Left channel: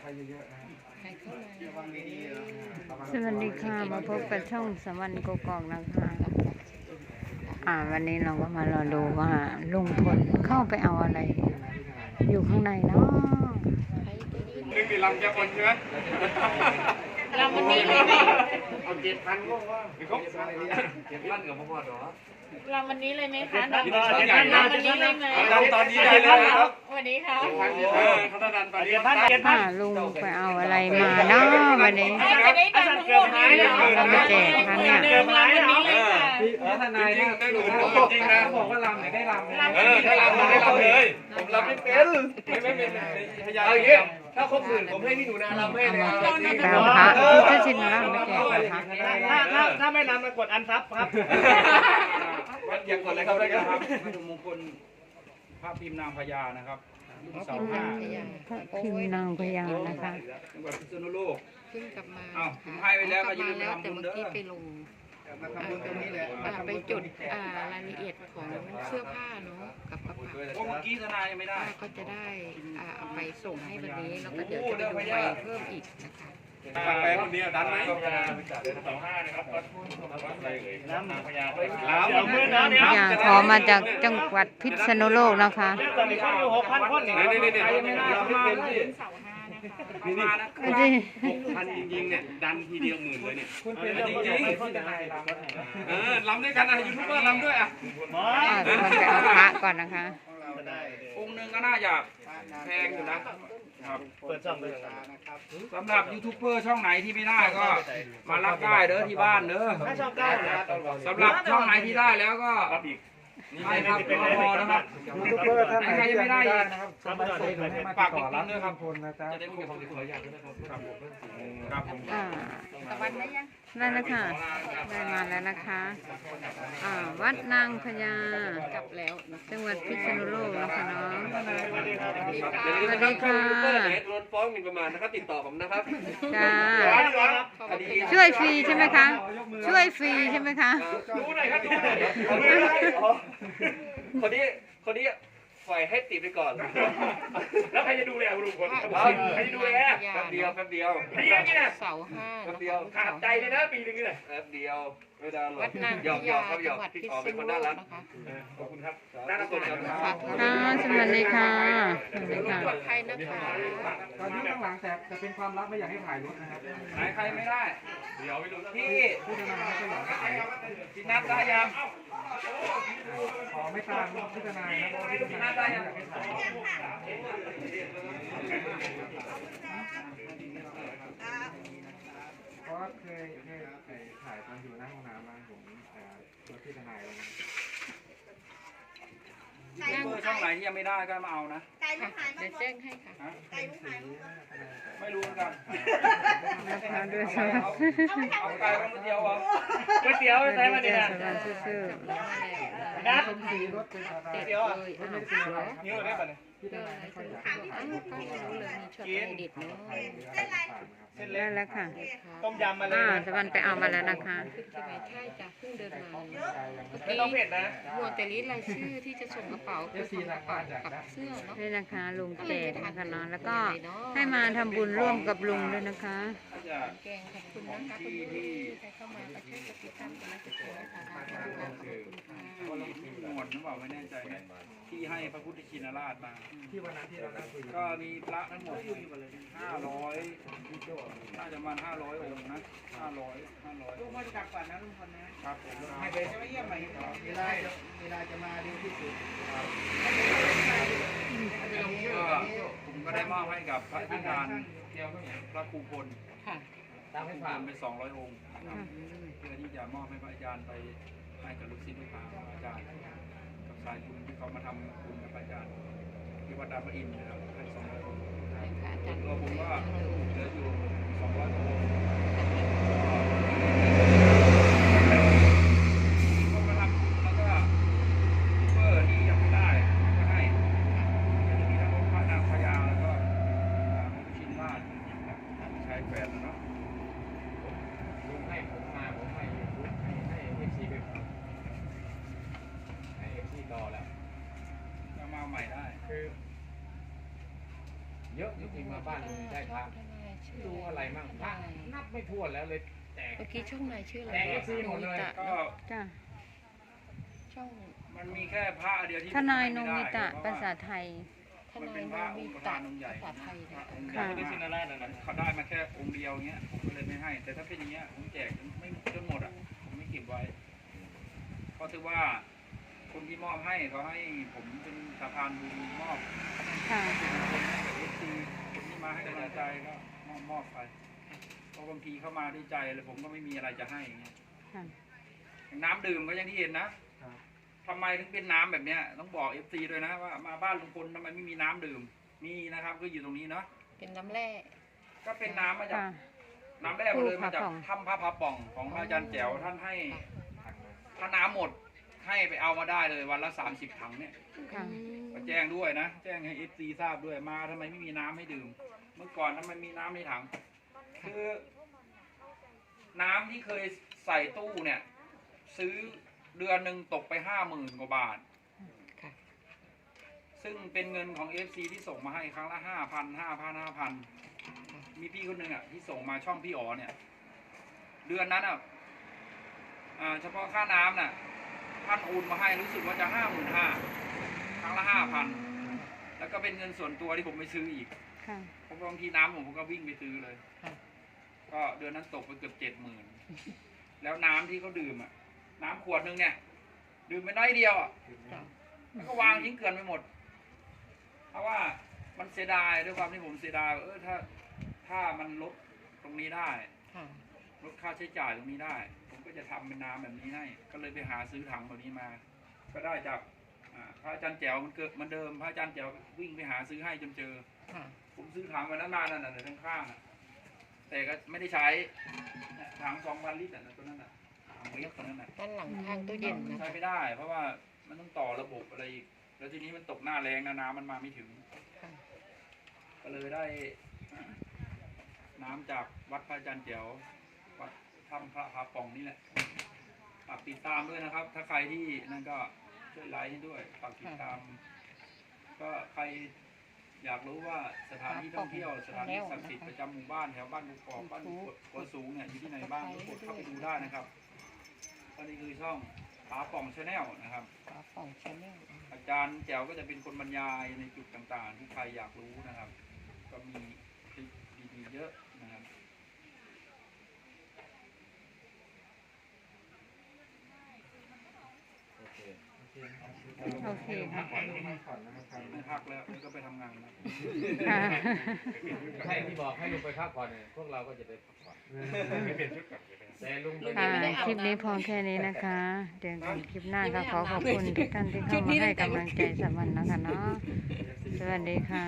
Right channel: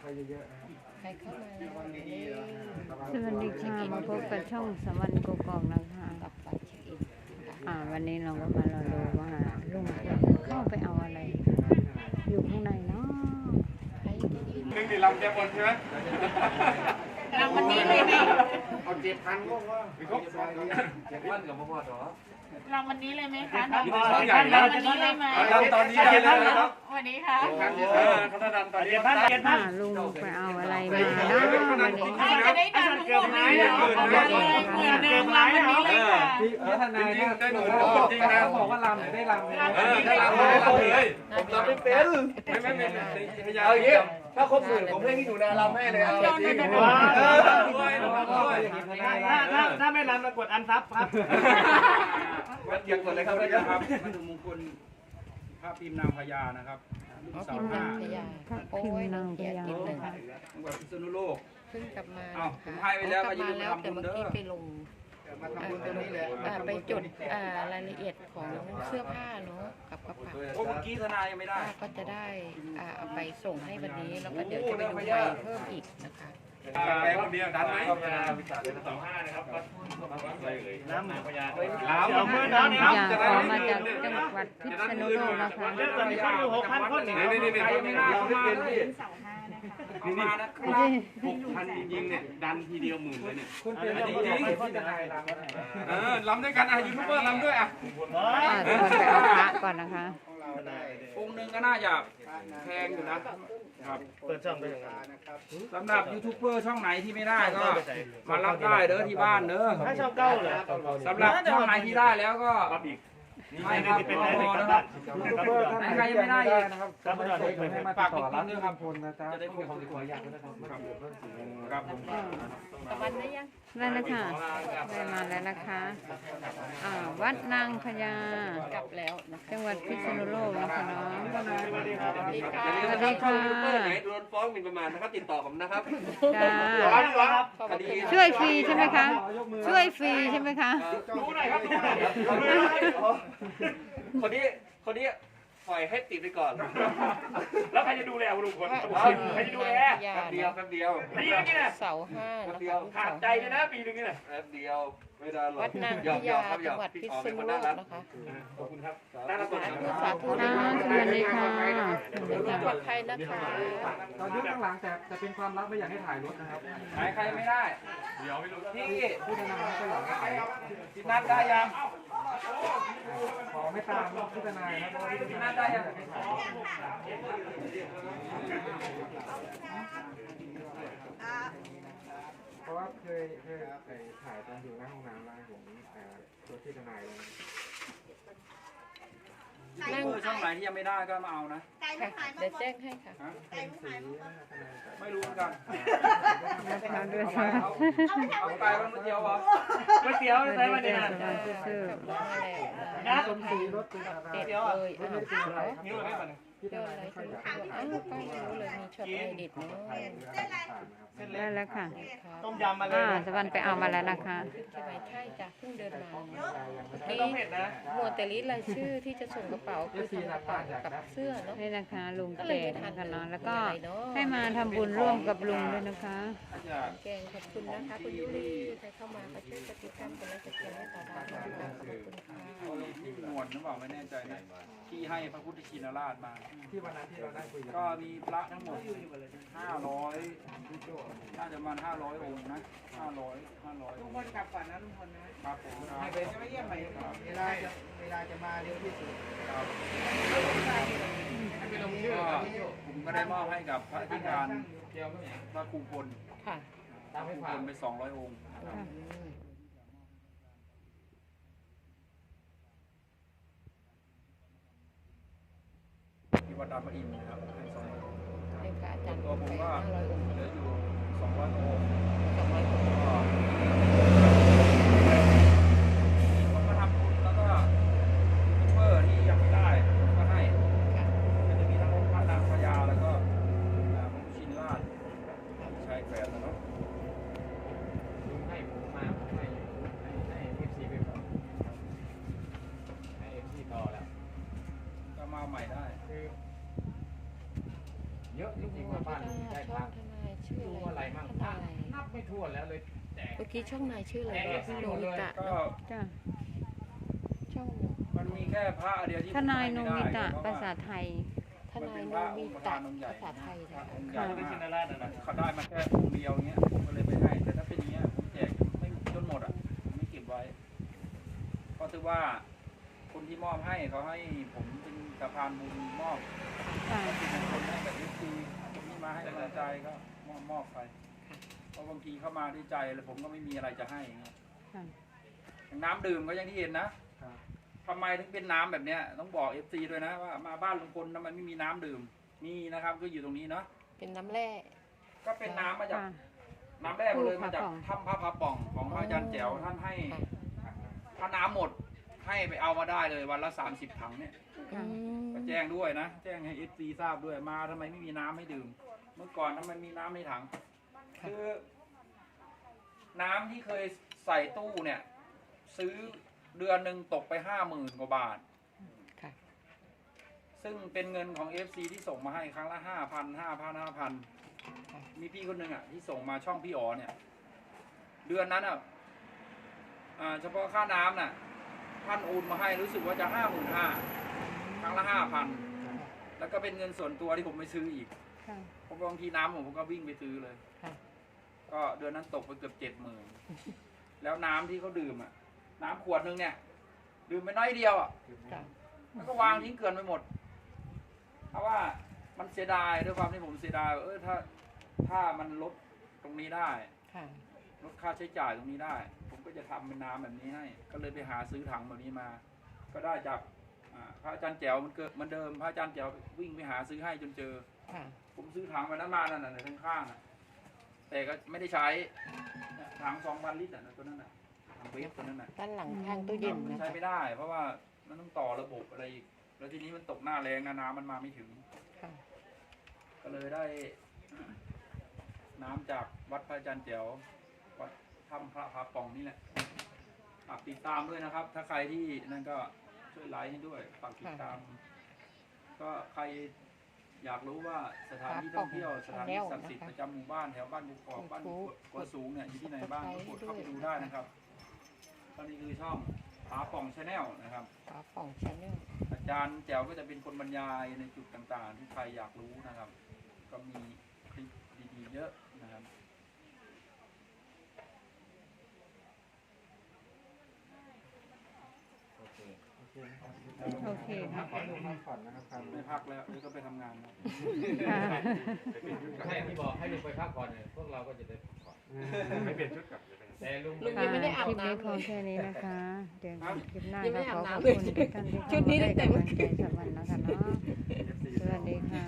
ใครเยอะๆนะครับใครเข้ามาสวัสดีค่ะ มาพบกับช่องสวรรค์กกอกนะคะ อ่า วันนี้เราก็มารอดูว่าลุงพลเข้าไปเอาอะไร อยู่ข้างในเนาะนึงมีลำจะคนใช่ไหมเราวันนี้เลยไหมเอาเจ็ดพันก็ว่าหรือเขาเจ็ดพันกับพ่อพ่อหรอเราวันนี้เลยไหมคะน้องยี่สิบใหญ่เรานะวันนี้เลยไหมเราตอนนี้ได้เลยนะครับวันนี้ค่ะเออพัฒนาตอนนี้พัฒนาอ่าลุงไปเอาอะไรมาเนาะวันนี้จะได้ตังค์ทั้งหมดเลยเอาไปแจกค่ะเนี่ยเดิมเราวันนี้เลยค่ะพี่เออทนายนะได้หมื่นจริงนะบอกว่าลำเนี่ยได้ลำเลยเออถ้าลำไม่ได้ลำเลยผมลำไม่เป็นไม่ไม่ไม่พยายามอย่างเงี้ยถ้าครบหมื่นผมให้พี่หนูนาลำให้เลยลุงคะถ้าชินแล้วไปแจกค่ะถ้าถ้าถ้าไม่ลำมากดอันซับครับ ยังกดเลยครับเลยครับมาดูมงคลพระพิมพ์นางพญานะครับรุ่นเสาห้าพระพิมพ์นางพญานะคะจังหวัดพิษณุโลกเพิ่งกลับมาอ้าวผมให้ไปแล้วก็อย่าลืมไปทำบุญเด้อไปลงไปจดรายละเอียดของเสื้อผ้าเนาะกับกระเป๋าโอ้เมื่อกี้ทนายยังไม่ได้ก็จะได้เอาไปส่งให้วันนี้แล้วก็เดี๋ยวจะไปดูเพิ่มอีกนะคะ แปลงคนเดียวดันไหมสองห้านะครับรถอะไรเลยน้ำนางพญาเดี๋ยวมือน้ำเนี่ยอย่าขอมาจากจังหวัดพิษณุโลกนะคะตอนนี้คนอยู่หกพันคนนี่นี่นี่นี่ใครยังไม่ได้เราเข้าไม่มาเป็นเลยพี่เสาห้านะคะเข้ามานะไม่ใช่พันจริงๆเนี่ยดันทีเดียวหมื่นเลยเนี่ยคุณเป็นจริงๆที่ทนายลำเออลำด้วยกันอะยูทูบเบอร์ลำด้วยอะอ่าทุกคนไปเอาพระก่อนนะคะองค์หนึ่งก็น่าจะแพงอยู่นะ สำหรับยูทูบเบอร์ช่องไหนที่ไม่ได้ก็ มารับได้เด้อที่บ้านเด้อสำหรับช่องไหนที่ได้แล้วก็ให้ครับรอพอนะครับไหนใครยังไม่ได้อีกฝากติดตามด้วยครับจะได้คุยกับผมดีกว่าอยากได้ครับครับผมอ่าตะวันได้ยัง ได้แล้วค่ะ ได้มาแล้วนะคะอ่าวัดนางพญากลับแล้วนะจังหวัดพิษณุโลกนะคะเนาะสวัสดีค่ะสวัสดีค่ะโดนฟ้องหมิ่นประมาทนะครับติดต่อผมนะครับจ้าคดีช่วยฟรีใช่ไหมคะ ช่วยฟรีใช่ไหมคะรู้หน่อยครับรู้หน่อยคนนี้คนนี้ ปล่อยให้ติดไปก่อนแล้วใครจะดูแลลุงพลใครจะดูแลแป๊บเดียวแป๊บเดียวปีนึงเนี่ยเสาห้าแป๊บเดียวขาดใจเลยนะปีนึงเนี่ยแป๊บเดียวไม่ได้หรอวักดนางหยอกหยอกครับหยจัองกหวัดพี่พิอ๋อษเป็นณุคนโลน่ากรักนะคะขอบคุณครับน่ารักคนครับค่ะสวัสดีค่ะสวัสดีค่ะปลอดภัยนะคะตอนนี้ข้างหลังแต่จะเป็นความลับไม่อยากให้ถ่ายรถนะครับไหนใครไม่ได้เดี๋ยวไม่รู้ที่ผู้ทนายไม่ค่อยอยากให้ถ่ายที่นัดได้ยัง ขอไม่ตามผู้ทนายนะเพราะว่าผู้ทนายได้ยังให้ถ่ายเพราะว่าเคยเคยถ่ายตอนอยู่หน้าห้องน้ำร้านผมตัวที่ทนายเลย ช่องไหนที่ยังไม่ได้ก็มาเอานะค่ะเดี๋ยวแจ้งให้ค่ะไม่รู้เหมือนกันนะคะด้วยค่ะเอาไปแล้วมื้อเดียวเหรอก๋วยเตี๋ยวสวัสใช้ดีมาเนี่ยจ้าสวัสดีซื่อนะสมศรีรถเป็นอะไรเดี๋ยวอะไม่ได้เป็นอะไรครับนิ้วได้ป่ะเนี่ยพี่ทนายไม่ค่อยอยากให้ถ่ายรูปเพราะว่ากินดิบเนาะถ่ายเรื่องต่างๆนะครับๆได้แล้วค่ะต้มยำมาเลยอ่าสวรรค์ไปเอามาแล้วนะคะที่ไหนใช่จ้ะเพิ่งเดินมา ไม่ต้องเผ็ดนะหัวแต่ลิสต์รายชื่อที่จะส่งกระเป๋าคือส่งกระเป๋ากับเสื้อเนาะนี่นะคะลุงแจกนะคะเนาะแล้วก็ให้มาทำบุญร่วมกับลุงด้วยนะคะ แกงขอบคุณนะคะคุณผู้ที่ใครเข้ามาก็ช่วยกดติดตามกันและกดแชร์นะคะขอบคุณค่ะขอบคุณค่ะหมวดหรือเปล่าไม่แน่ใจนะ ที่ให้พระพุทธชินราชมา ที่วันนั้นที่เราได้คุยก็มีพระทั้งหมดห้าร้อยน่าจะประมาณห้าร้อยองค์นะห้าร้อยห้าร้อยลุงพลกลับก่อนนะลุงพลนะครับผมให้ไปเยี่ยมใหม่ครับเวลาเวลาจะมาเร็วที่สุดครับก็ผมก็ได้มอบให้กับพระอธิการพระครูพลค่ะพระครูพลไปสองร้อยองค์นะครับค่ะเพื่อที่จะมอบให้พระอาจารย์ไปให้กับลูกศิษย์ลูกหา ดานพระอินนะครับให้สองร้อยองค์ตัวผมก็เหลืออยู่สองร้อยองค์ก็มีคนมาทำบุญแล้วก็ซูเปอร์ที่ยังไม่ได้ก็ให้ก็จะมีทั้งพระนางพญาแล้วก็ระพุทธชินราชชายแฝดนะเนาะลุงให้ผมมาผมให้ให้ให้เอฟซีไปก่อนให้เอฟซีต่อแล้วก็มาใหม่ได้คือ เยอะจริงๆมามาบ้านลุงได้พระดูอะไรมั่งพระนับไม่ทั่วนแล้วเลยแจกเมื่อกี้ช่องไหนชื่ออะไรแจกนะซื้อหมดเลยตะก็จ้ะช่องมันมีแค่พระเดียวที่ทนายนไม่งได้มิตะเพระภาว่ษาไทย มันเป็นพระองค์ประธานองค์ใหญ่ภาษาไทยพระนะองค์ใหญ่มากเขาได้มาแค่องค์เดียวเงี้ยผมก็เลยไม่ให้ แต่ถ้าเป็นอย่างเงี้ยผมแจกไม่จนหมดอะผมไม่เก็บไว้เพราะถือว่า คนที่มอบให้เขาให้ผมเป็นสะพานบุญมอบค่ะ คนให้กับเอฟซีคนที่มาให้กำลังใจก็มอบมอบไปเพราะบางทีเข้ามาด้วยใจเลยผมก็ไม่มีอะไรจะให้อย่างเงี้ยค่ะ อย่างน้ำดื่มก็อย่างที่เห็นนะทำไมถึงเป็นน้ำแบบเนี้ยต้องบอกเอฟซีด้วยนะว่ามาบ้านลุงพลทำไมไม่มีน้ำดื่มมีนะครับ ก็อยู่ตรงนี้เนาะเป็นน้ำแร่ ก็เป็นน้ำมาจาก ค่ะ น้ำแร่มาเลยมาจากพระป่องถ้ำพระพระป่องของพระอาจารย์แจ๋วท่านให้ถ้าน้ำหมด ให้ไปเอามาได้เลยวันละสามสิบถังเนี่ยค่ะก็แจ้งด้วยนะ แจ้งให้เอฟซีทราบด้วยมาทำไมไม่มีน้ำให้ดื่ม เมื่อก่อนทำไมมีน้ำในถัง คือ น้ำที่เคยใส่ตู้เนี่ย ซื้อเดือนหนึ่งตกไปห้าหมื่นกว่าบาท ค่ะ ซึ่งเป็นเงินของเอฟซีที่ส่งมาให้ครั้งละห้าพันห้าพันห้าพันมีพี่คนหนึ่งอะ ที่ส่งมาช่องพี่อ๋อเนี่ย เดือนนั้นอะอ่าเฉพาะค่าน้ำน่ะ ท่านโอนมาให้รู้สึกว่าจะห้าหมื่นห้าครั้งละห้าพันแล้วก็เป็นเงินส่วนตัวที่ผมไปซื้ออีกค่ะเพราะบางทีน้ำผมก็วิ่งไปซื้อเลย ค่ะ ก็เดือนนั้นตกไปเกือบเจ็ดหมื่นแล้วน้ำที่เขาดื่มอะ น้ำขวดหนึงเนี่ย ดื่มไปน้อยเดียวอะ ค่ะแล้วก็วางทิ้งเกลื่อนไปหมด เพราะว่ามันเสียดายด้วยความที่ผมเสียดายว่าเออถ้าถ้ามันลดตรงนี้ได้ ค่ะ ลดค่าใช้จ่ายตรงนี้ได้ผม ก็จะทำเป็นน้ำแบบนี้ให้ ก็เลยไปหาซื้อถังแบบนี้มา ก็ได้จากอ่าพระอาจารย์แจ๋วมันเกิดมันเดิมพระอาจารย์แจ๋ววิ่งไปหาซื้อให้จนเจอค่ะผมซื้อถังไปนั้นมานั่นน่ะข้างๆน่ะแต่ก็ไม่ได้ใช้เนี่ยถังสองพันลิตรน่ะตัวนั้นน่ะถังเวฟตัวนั้นน่ะด้านหลังข้างตู้เย็นมันนะใช้คะไม่ได้ เพราะว่ามันต้องต่อระบบอะไรอีกแล้วทีนี้มันตกหน้าแรงนะน้ำมันมาไม่ถึงค่ะก็เลยได้อ่าน้ำจากวัดพระอาจารย์เจียววัด ถ้ำพระพาปองนี่แหละฝากติดตามด้วยนะครับ ถ้าใครที่นั่นก็ช่วยไลค์ให้ด้วยฝากติดตาม ก็ใครอยากรู้ว่าสถานที่ท่องเที่ยวสถานที่ศักดิ์สิทธิ์ประจำหมู่บ้านแถวบ้านกุกอกบ้านกุกกัวสูงเนี่ยอยู่ที่ไหนบ้างก็กดเข้าไปดูได้นะครับก็นี่คือช่องผาป่องชาแนลนะครับฝาป่องชาแนลอาจารย์แจ๋วก็จะเป็นคนบรรยายในจุดต่างๆ ที่ใครอยากรู้นะครับ ก็มีคลิปดีๆเยอะนะครับ โอเคค่ะไม่พักแล้วเดี๋ยวก็ไปทำงานแล้วค่ะให้ที่บอกให้ลุงไปพักผ่อนเนี่ยพวกเราก็จะไปพักผ่อนไม่เปลี่ยนชุดกลับเลยแต่ลุงไปค่ะคลิปนี้พอแค่นี้นะคะ เดี๋ยวคลิปหน้าก็ขอขอบคุณทุกท่านที่เข้ามาให้กำลังใจสมันนะคะเนาะสวัสดีค่ะ